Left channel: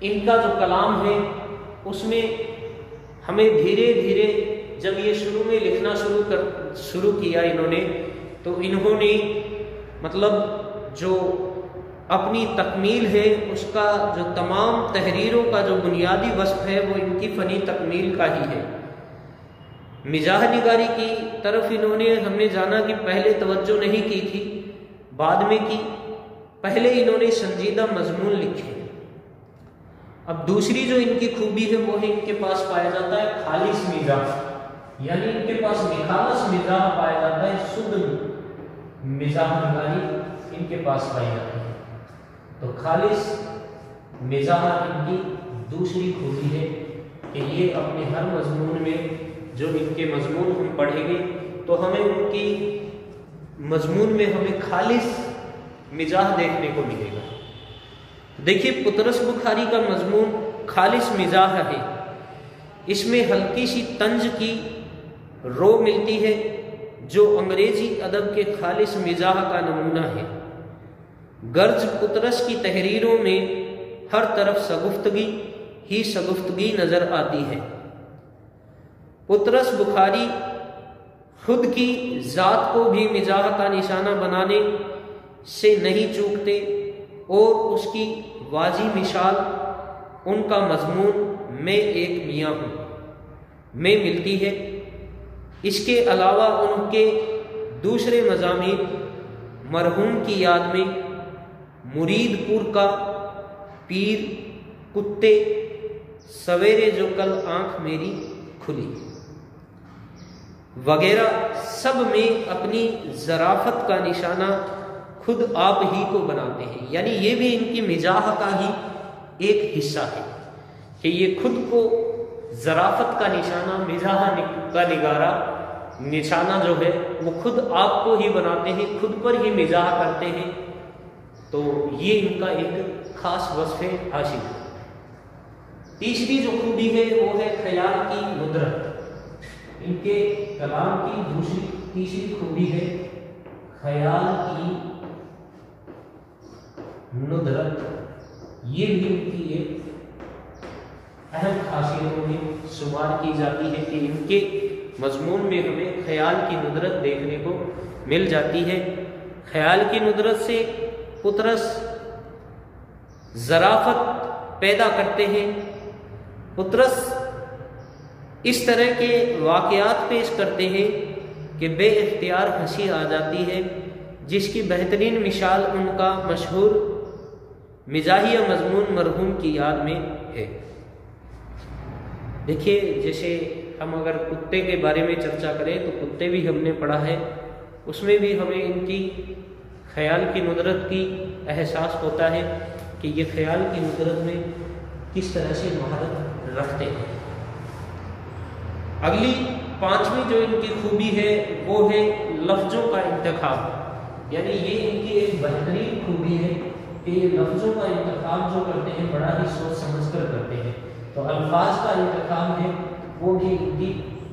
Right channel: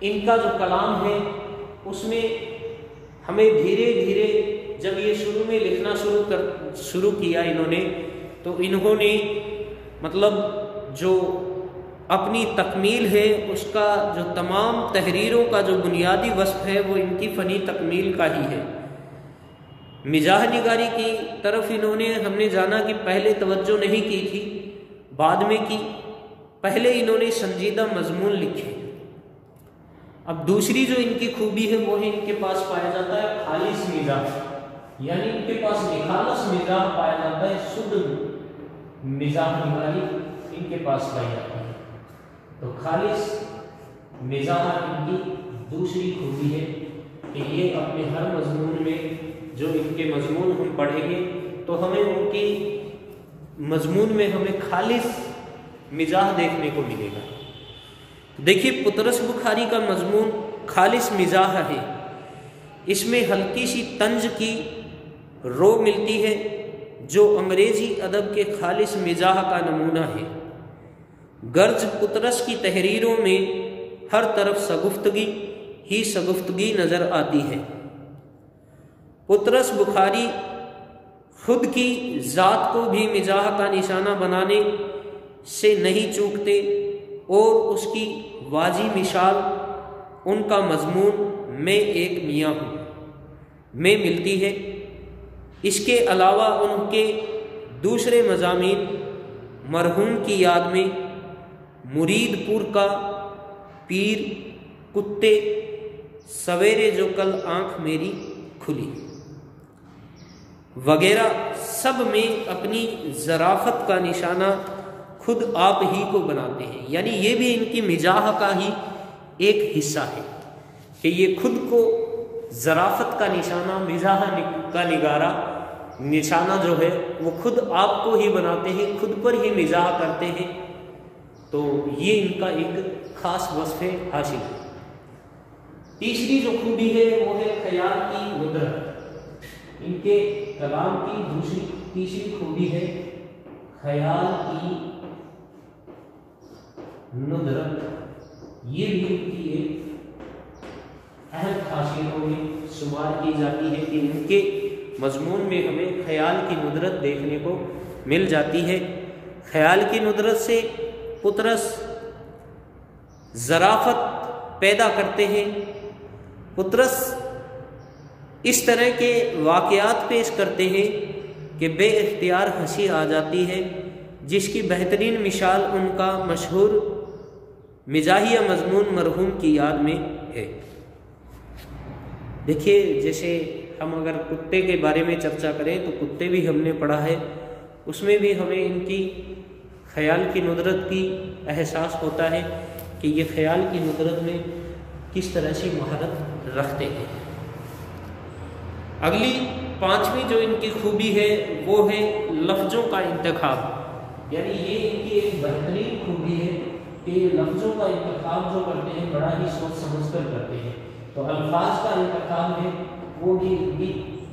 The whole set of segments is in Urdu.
ان کا جو کلام ہے اس میں ہمیں دھیرے دھیرے جب یہ شروع میں لکھنا شروع کیا انہوں نے، تو انہوں نے مطلب جو اپنی تکمیل ہے اس کا جو تمام تحریروں کا جو بنیادی وصف ہے وہ ان کی فنی تکمیل کا ہی ہے۔ مزاح نگاری کی طرف ہم نے جانا کہ پہلے توجہ نہیں کی تھی، بعد میں کی۔ پہلے انہوں نے سنجیدہ مضمون لکھے۔ اب دوسری جو ان کی خوبی ہے وہ ہے ان کے پاس پایا جاتا ہے خالص مزاح، یعنی ان کے پاس نخالص مزاح پایا جاتا ہے، شدھ مزاح نگاری ان کے پاس پائی جاتی ہے۔ تو خالص مزاح ان کی دوسری خوبی ہے کہ یہ اپنے ہر مضمون میں، جو ان کے مضمون ہم پڑھیں گے تو ہمیں ان کی مضمون میں ہمیں خالص مزاح دیکھنے کو ملے گا۔ دیکھیے پطرس بخاری کا مضمون خالص مزاح ہے، اس میں ہلکی سی طنز کی رو ملتی ہے جو انگریزی ادب کے خالص مزاح کا نمونہ ہے۔ گرج پطرس کی تحریروں میں ہر طرف شگفتگی ہی شگفتگی نظر آتی ہے۔ پطرس بخاری خود کی ذات کو بھی مزاح کا نشانہ بنانے سے نہیں چوکتے، اور اس کی واضح مثال ان کا مضمون میں ایک میاں ہوں میں ملتی ہے۔ اس کے علاوہ ان کے دوسرے مضامین مرحوم کی یاد میں، مرید پور کا پیر، کتے، سویرے جو کل آنکھ میری کھلی وغیرہ سب میں اپنی ظرافت کا نشانہ خود آپ ہی کو بناتے ہیں۔ یعنی یہ بھی ان کی مزاح کا ہی ایک حصہ ہے کہ یہ خود کو ظرافت کا نشانہ، مزاح کا نشانہ جو ہے وہ خود آپ کو ہی بناتے ہیں، خود پر ہی مزاح کرتے ہیں۔ تو یہ ان کا ایک خاص وصف حاصل ہے۔ تیسری جو خوبی ہے وہ ہے خیال کی ندرت۔ ان کے کلام کی تیسری خوبی ہے خیال کی ندرت۔ یہ بھی ان کی ایک اہم خاصیتوں میں شمار کی جاتی ہے کہ ان کے مضمون میں ہمیں خیال کی ندرت دیکھنے کو مل جاتی ہے۔ خیال کی ندرت سے پطرس ظرافت پیدا کرتے ہیں۔ پطرس اس طرح کے واقعات پیش کرتے ہیں کہ بے اختیار ہنسی آ جاتی ہے، جس کی بہترین مثال ان کا مشہور مزاحیہ مضمون مرحوم کی یاد میں ہے۔ دیکھیے جیسے ہم اگر کتے کے بارے میں چرچا کریں تو کتے بھی ہم نے پڑھا ہے، اس میں بھی ہمیں ان کی خیال کی ندرت کی احساس ہوتا ہے کہ یہ خیال کی ندرت میں کس طرح سے مہارت رکھتے ہیں۔ اگلی پانچویں جو ان کی خوبی ہے وہ ہے لفظوں کا انتخاب۔ یعنی یہ ان کی ایک بہترین خوبی ہے کہ یہ لفظوں کا انتخاب جو کرتے ہیں بڑا ہی سوچ سمجھ کر کرتے ہیں۔ تو الفاظ کا انتخاب ہے وہ بھی ان کی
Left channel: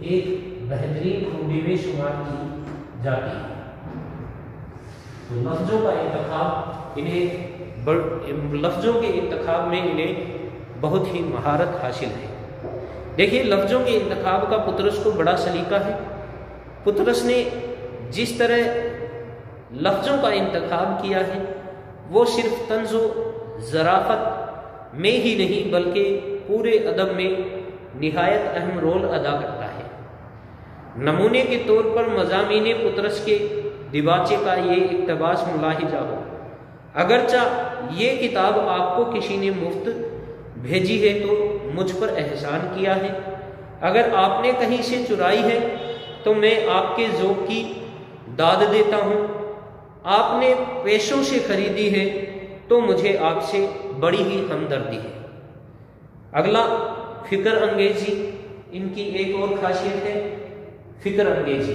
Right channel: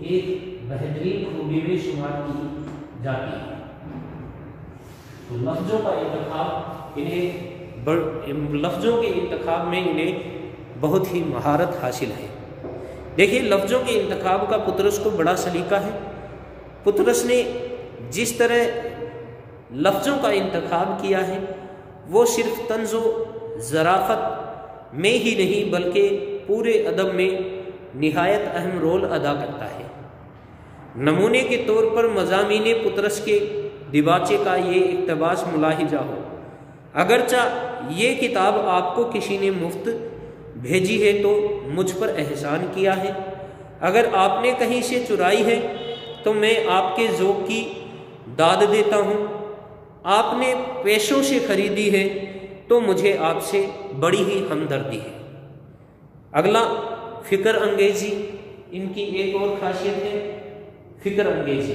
ایک بہترین خوبی میں شمار کی جاتی ہے۔ تو لفظوں کا انتخاب لفظوں کے انتخاب میں انہیں بہت ہی مہارت حاصل ہے۔ دیکھیے لفظوں کے انتخاب کا پطرس کو بڑا سلیقہ ہے۔ پطرس نے جس طرح لفظوں کا انتخاب کیا ہے وہ صرف طنز و ظرافت میں ہی نہیں بلکہ پورے ادب میں نہایت اہم رول ادا کرتا ہے۔ نمونے کے طور پر مضامین پطرس کے دیباچے کا یہ اقتباس ملاحظہ ہو: اگرچہ یہ کتاب آپ کو کسی نے مفت بھیجی ہے تو مجھ پر احسان کیا ہے، اگر آپ نے کہیں سے چرائی ہے تو میں آپ کے ذوق کی داد دیتا ہوں، آپ نے پیسوں سے خریدی ہے تو مجھے آپ سے بڑی ہی ہمدردی ہے۔ اگلا فکر انگیزی، ان کی ایک اور خاصیت ہے فکر انگیزی۔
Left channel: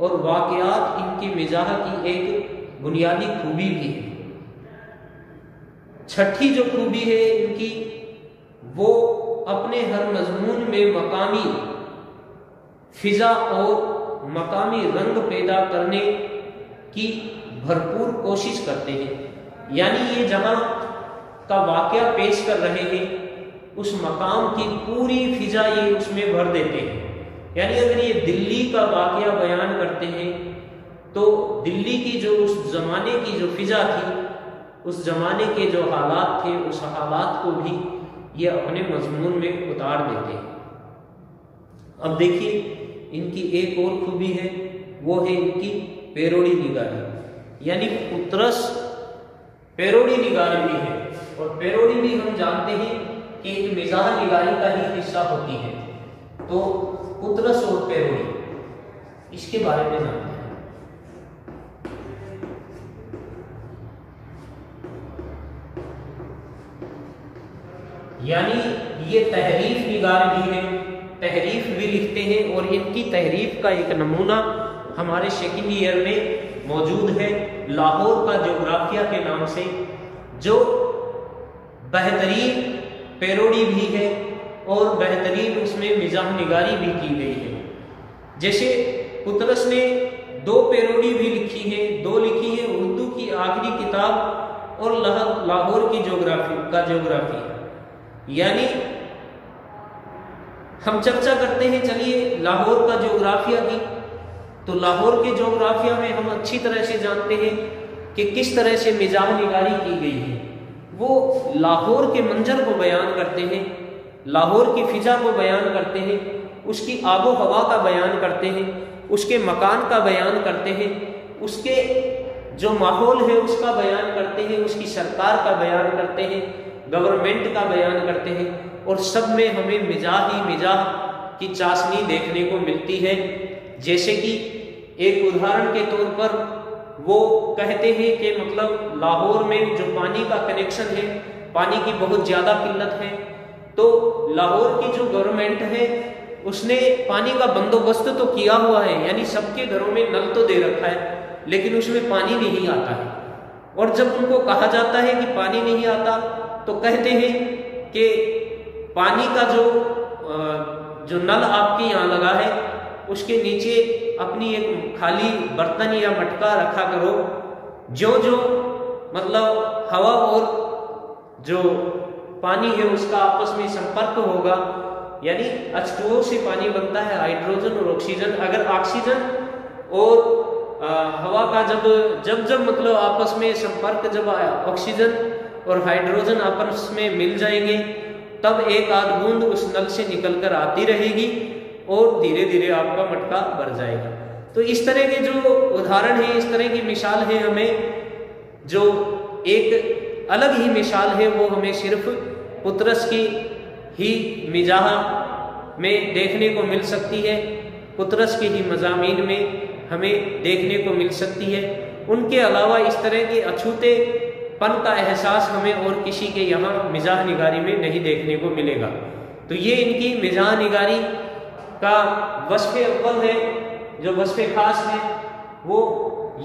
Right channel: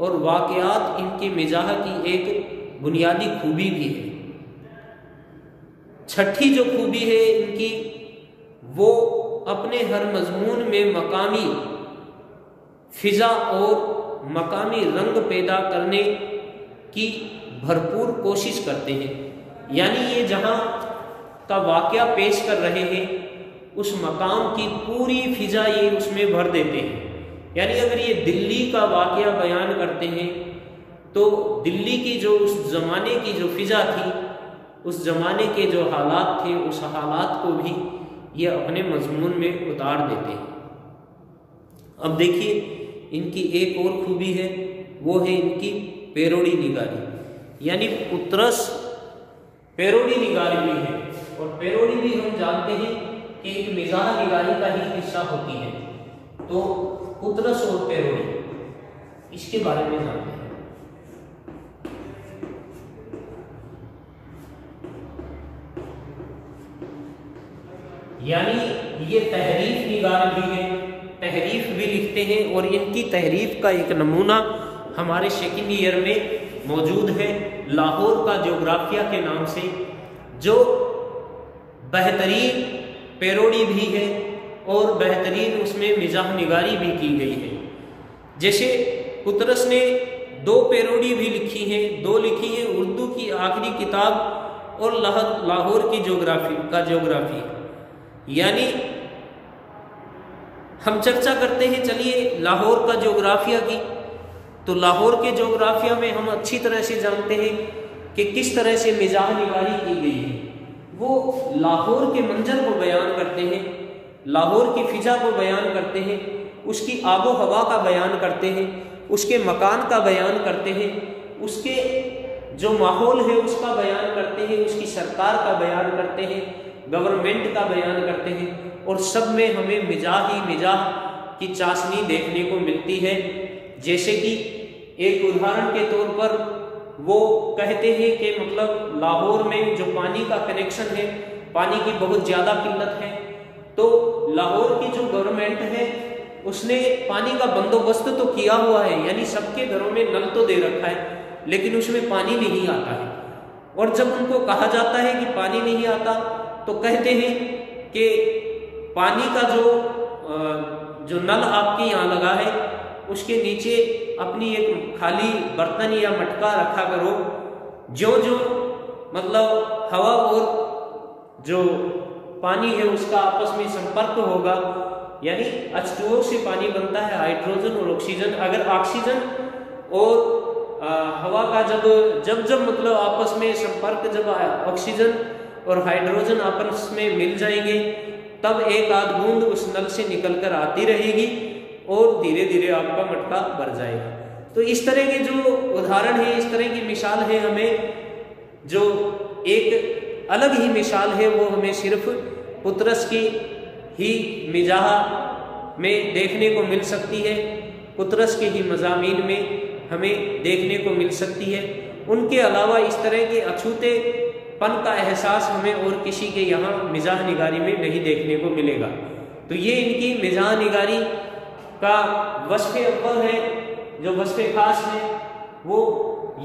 اور واقعات ان کے مزاح کی ایک بنیادی خوبی بھی ہے۔ چھٹی جو خوبی ہے ان کی، وہ اپنے ہر مضمون میں مقامی فضا اور مقامی رنگ پیدا کرنے کی بھرپور کوشش کرتے ہیں، یعنی یہ جہاں کا واقعہ پیش کر رہے ہیں اس مقام کی پوری فضا یہ اس میں بھر دیتے ہیں۔ یعنی اگر یہ دلی کا واقعہ بیان کرتے ہیں تو دلی کی جو اس زمانے کی جو فضا تھی، اس زمانے کے جو حالات تھے، اس حالات کو بھی یہ اپنے مضمون میں اتار دیتے ہیں۔ اب دیکھیے ان کی ایک اور خوبی ہے، وہ ہے ان کی پیروڑی نگاری، یعنی پطرس پیروڑی نگار بھی ہے، اور پیروڑی بھی ہم جانتے ہیں کہ ایک مزاح نگاری کا ہی حصہ ہوتی ہے۔ تو پطرس اور پیروڑی، اس کے بارے میں جانتے ہیں۔ یعنی یہ تحریف نگار بھی ہیں، تحریف بھی لکھتے ہیں، اور ان کی تحریف کا ایک نمونہ ہمارے سیکنڈ ایئر میں موجود ہے لاہور کا جغرافیہ کے نام سے، جو بہترین پیروڈی بھی ہے اور بہترین اس میں مزاح نگاری بھی کی گئی ہے۔ جیسے پطرس نے 2 پیروڈی بھی لکھی ہیں، 2 لکھی ہیں اردو کی آخری کتاب اور لاہور کی جغرافی۔ یعنی ہم چرچا کرتے ہیں چلیے لاہور کا جغرافیہ کی، تو لاہور کے جغرافیہ میں ہم اچھی طرح سے جانتے ہیں کہ کس طرح سے مزاح نگاری کی گئی ہے۔ وہ لاہور کے منظر کو بیان کرتے ہیں، لاہور کی فضا کو بیان کرتے ہیں، اس کی آب و ہوا کا بیان کرتے ہیں، اس کے مکان کا بیان کرتے ہیں، اس کے جو ماحول ہے اس کا بیان کرتے ہیں، اس کی سرکار کا بیان کرتے ہیں، گورنمنٹ کا بیان کرتے ہیں، اور سب میں ہمیں مزاح کی چاشنی دیکھنے کو ملتی ہے۔ جیسے کہ ایک ادھارن کے طور پر وہ کہتے ہیں کہ مطلب لاہور میں جو پانی کا کنیکشن ہے، پانی کی بہت زیادہ قلت ہے، تو لاہور کی جو گورنمنٹ ہے اس نے پانی کا بندوبست تو کیا ہوا ہے، یعنی سب کے گھروں میں نل تو دے رکھا ہے، لیکن اس میں پانی نہیں آتا ہے۔ اور جب ان کو کہا جاتا ہے کہ پانی نہیں آتا تو کہتے ہیں کہ پانی کا جو نل آپ کے یہاں لگا ہے اس کے نیچے اپنی ایک خالی برتن یا مٹکا رکھا کرو، جو مطلب ہوا اور جو پانی ہے اس کا آپس میں سمپرک ہوگا، یعنی H2O سے پانی بنتا ہے، ہائیڈروجن اور آکسیجن۔ اگر آکسیجن اور ہوا کا جب مطلب آپس میں سمپرک، جب آکسیجن اور ہائیڈروجن آپس میں مل جائیں گے، تب ایک آدھ بوند اس نل سے نکل کر آتی رہے گی اور دھیرے دھیرے آپ کا مٹکا بھر جائے گا۔ تو اس طرح کے جو ادھارن ہے، اس طرح کی مثال ہے، ہمیں جو ایک الگ ہی مثال ہے وہ ہمیں صرف پطرس کی ہی مزاح میں دیکھنے کو مل سکتی ہے، پطرس کے ہی مضامین میں ہمیں دیکھنے کو مل سکتی ہے۔ ان کے علاوہ اس طرح کے اچھوتے پن کا احساس ہمیں اور کسی کے یہاں مزاح نگاری میں نہیں دیکھنے کو ملے گا۔ تو یہ ان کی مزاح نگاری کا وصف اول ہے، جو وصف خاص ہے وہ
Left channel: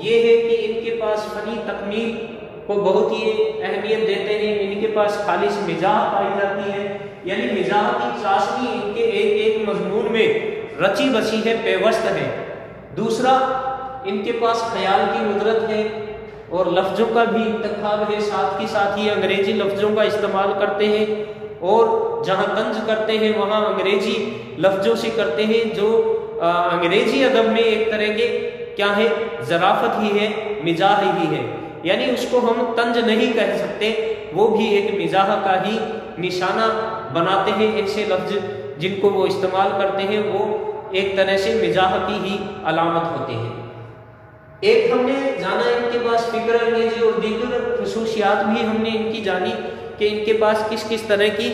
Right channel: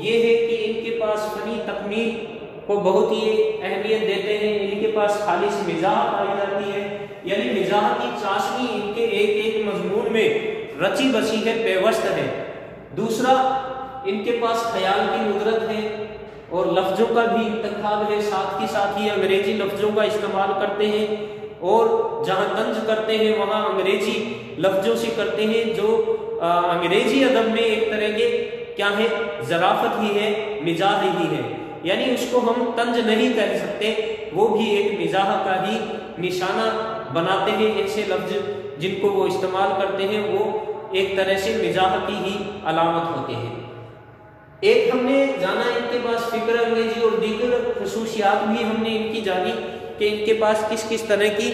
یہ ہے کہ ان کے پاس فنی تکمیل کو بہت ہی اہمیت دیتے ہیں، ان کے پاس خالص مزاح پائی جاتی ہے، یعنی مزاح کی چاشنی ان کے ایک ایک مضمون میں رچی بسی ہے، پیوست ہے۔ دوسرا، ان کے پاس خیال کی قدرت ہے اور لفظوں کا بھی انتخاب ہے، ساتھ ہی ساتھ ہی انگریزی لفظوں کا استعمال کرتے ہیں، اور جہاں طنز کرتے ہیں وہاں انگریزی لفظوں سے کرتے ہیں، جو انگریزی ادب میں ایک طرح کے کیا ہے، ظرافت ہی ہے، مزاح ہی ہے، یعنی اس کو ہم طنز نہیں کہہ سکتے، وہ بھی ایک مزاح کا ہی نشانہ بناتے ہیں۔ ایسے لفظ جن کو وہ استعمال کرتے ہیں وہ ایک طرح سے مزاح کی ہی علامت ہوتے ہیں۔ ایک ہم نے جانا ان کے پاس فکر انگیزی اور دیگر خصوصیات بھی ہم نے ان کی جانی کہ ان کے پاس کس طرح کی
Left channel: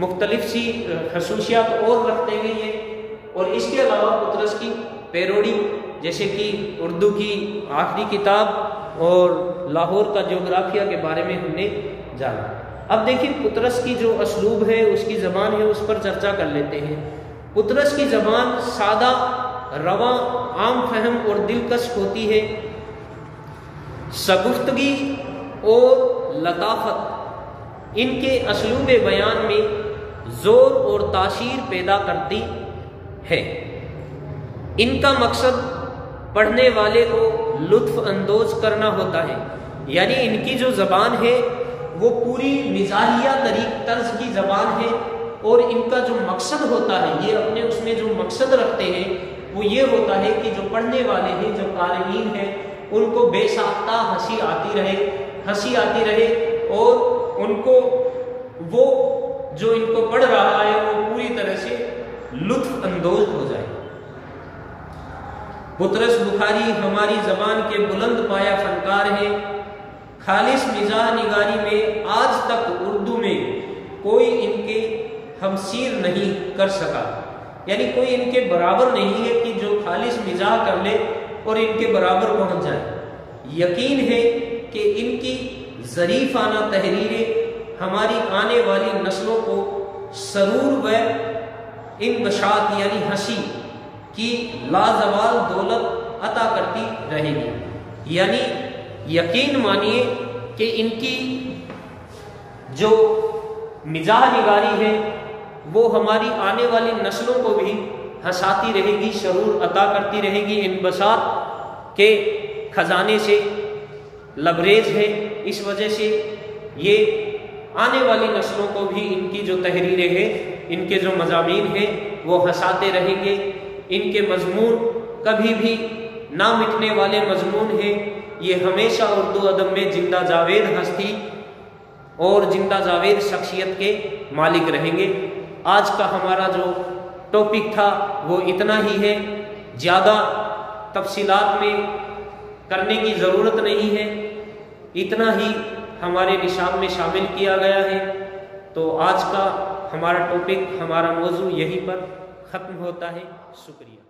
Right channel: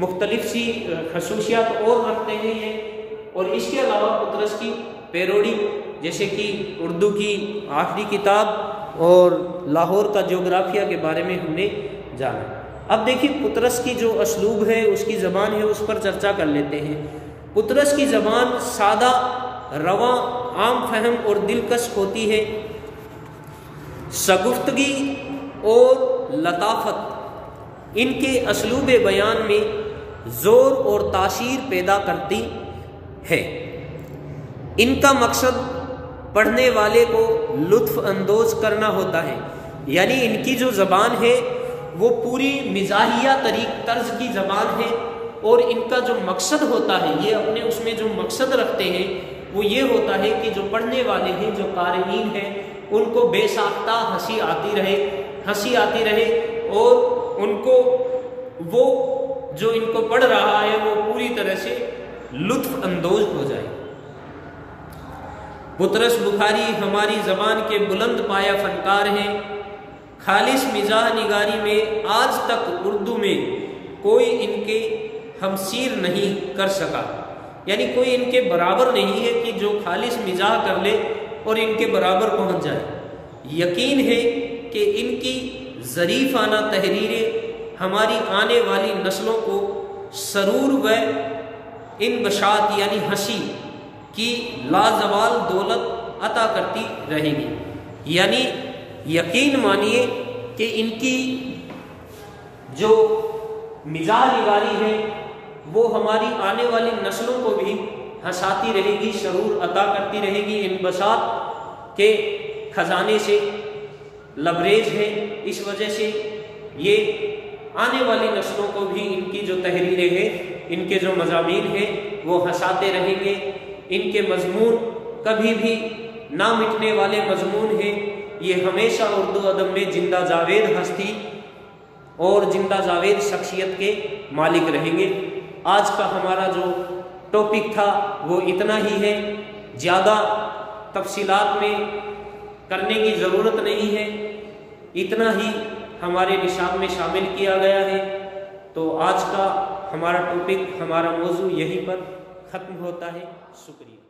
مختلف سی خصوصیات اور رکھتے ہیں یہ۔ اور اس کے علاوہ پطرس کی پیروڈی، جیسے کہ اردو کی آخری کتاب اور لاہور کا جغرافیہ کے بارے میں ہم نے جانا۔ اب دیکھیں پطرس کی جو اسلوب ہے، اس کی زبان ہے، اس پر چرچا کر لیتے ہیں۔ پطرس کی زبان سادہ، رواں، عام اہم اور دلکش ہوتی ہے۔ شگفتگی اور لطافت ان کے اسلوب بیان میں زور اور تاثیر پیدا کرتی ہے۔ ان کا مقصد پڑھنے والے کو لطف اندوز کرنا ہوتا ہے، یعنی ان کی جو زبان ہے وہ پوری مزاحیہ طرز کی زبان ہے، اور ان کا جو مقصد ہوتا ہے، یہ اپنے اس میں جو مقصد رکھتے ہیں وہ یہ ہوتا ہے کہ جو پڑھنے والے ہیں، جو قارئین ہیں، ان کو بے ساختہ ہنسی آتی رہے اور ان کو وہ جو ان کو پڑھ رہا ہے وہ پوری طرح سے لطف اندوز ہو جائے۔ بطرس بخاری ہماری زبان کے بلند پایہ فنکار ہیں۔ خالص مزاح نگاری میں آج تک اردو میں کوئی ان کے ہمسیر نہیں کر سکا، یعنی کوئی ان کے برابر نہیں ہے کہ جو خالص مزاح کر لے اور ان کے برابر پہنچ جائے۔ یقین ہے کہ ان کی ظریفانہ تحریریں ہماری آنے والی نسلوں کو سرور و انبساط یعنی ہنسی کی لازوال دولت عطا کرتی رہیں گی۔ یعنی یقین مانیے کہ ان کی جو مزاح نگاری ہے وہ ہماری آنے والی نسلوں کو بھی ہنساتی رہے گی، سرور عطا کرتی رہے گی، انبساط کے خزانے سے لبریز ہے۔ اس وجہ سے یہ آنے والی نسلوں کو بھی ان کی جو تحریریں ہیں، ان کے جو مضامین ہیں وہ ہنساتے رہیں گے۔ ان کے مضمون کبھی بھی نہ مٹنے والے مضمون ہیں، یہ ہمیشہ اردو ادب میں زندہ جاوید ہستی اور زندہ جاوید شخصیت کے مالک رہیں گے۔ آج کا ہمارا جو ٹاپک تھا وہ اتنا ہی ہے، زیادہ تفصیلات میں کرنے کی ضرورت نہیں ہے، اتنا ہی ہمارے نصاب میں شامل کیا گیا ہے۔ تو آج کا ہمارا ٹاپک، ہمارا موضوع یہیں پر ختم ہوتا ہے۔ شکریہ۔